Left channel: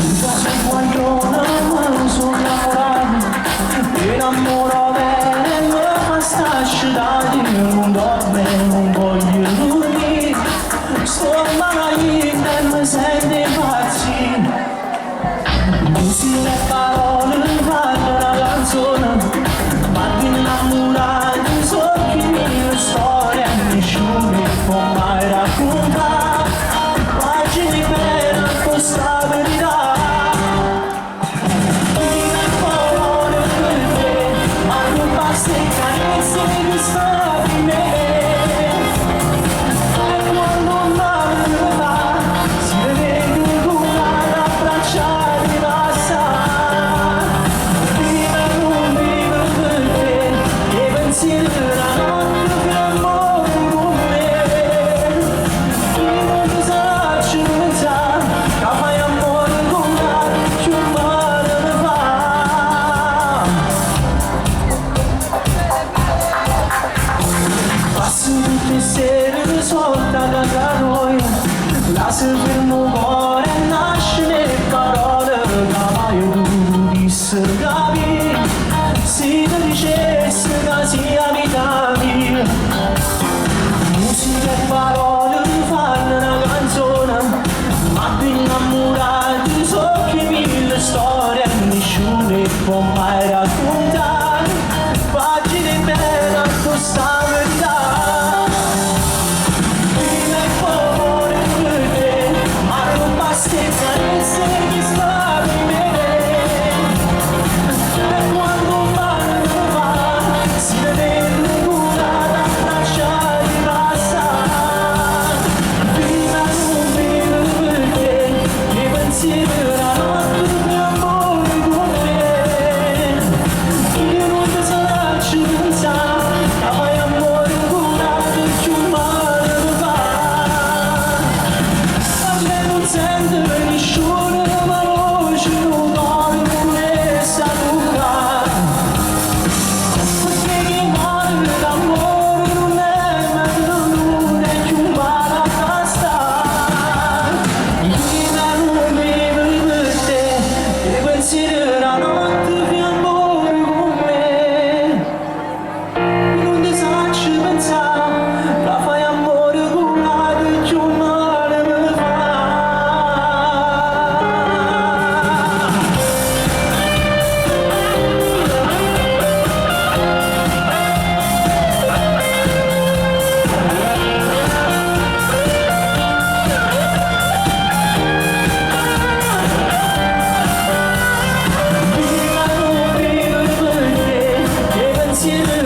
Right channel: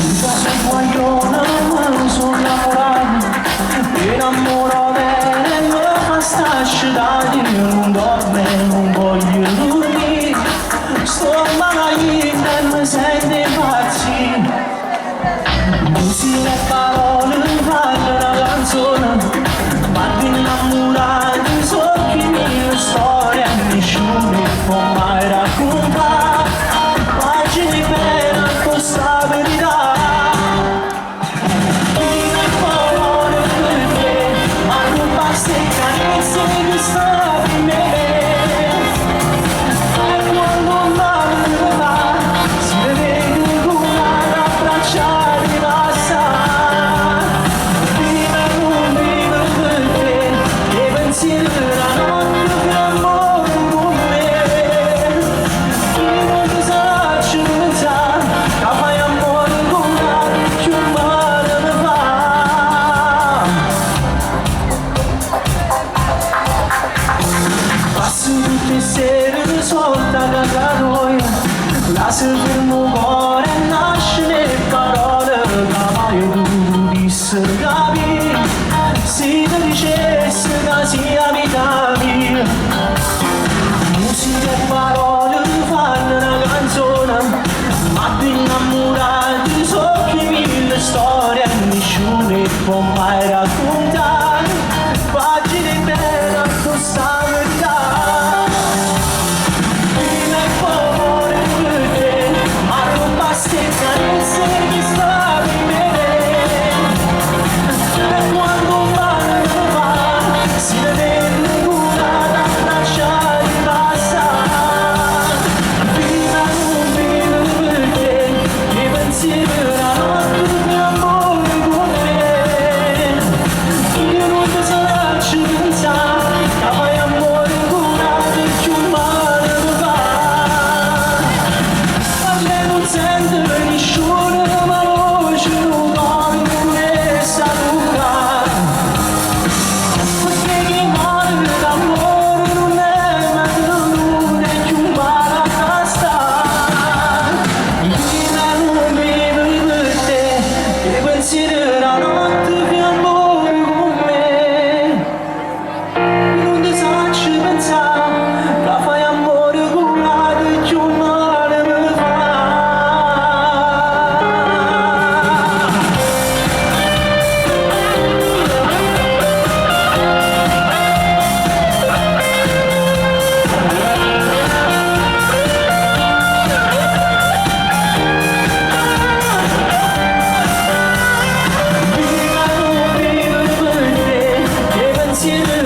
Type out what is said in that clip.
Se guagliona non sono innamorato, mi innamoro bene, mi fa sta scidati, non dorme, non voglio dormire, sto malagita e mi sento impazzire. Musica e parole fanno una canzone, ma ti innamorati, so che mia storia nessuno può mai raccontare, pagine per questa verità. Sera solta da caroia, la fermo cuore nasce le parole, cavallo tu disse capi, si ti dicesse che sia vita mia. Musica e parole fanno una canzone, ma ti innamorati so che mille storie nessuno può mai raccontare, pagine belle questa verità. You